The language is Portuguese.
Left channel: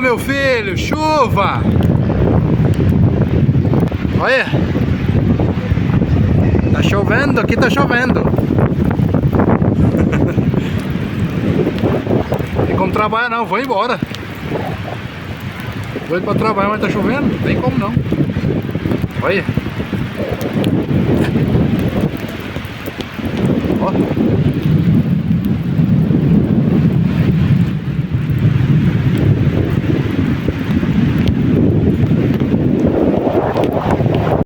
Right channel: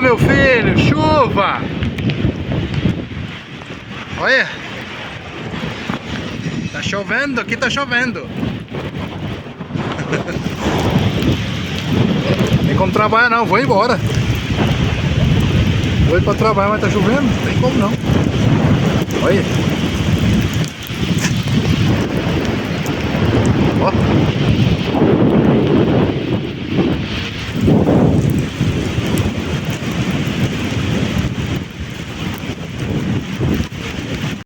Chuva, meu filho, chuva! Olha! Tá chovendo, aqui tá chovendo. Tem como trabalhar não, vou embora. Vou ir pra trabalhar, mas tá chovendo, não tem como não. Olha! Ó!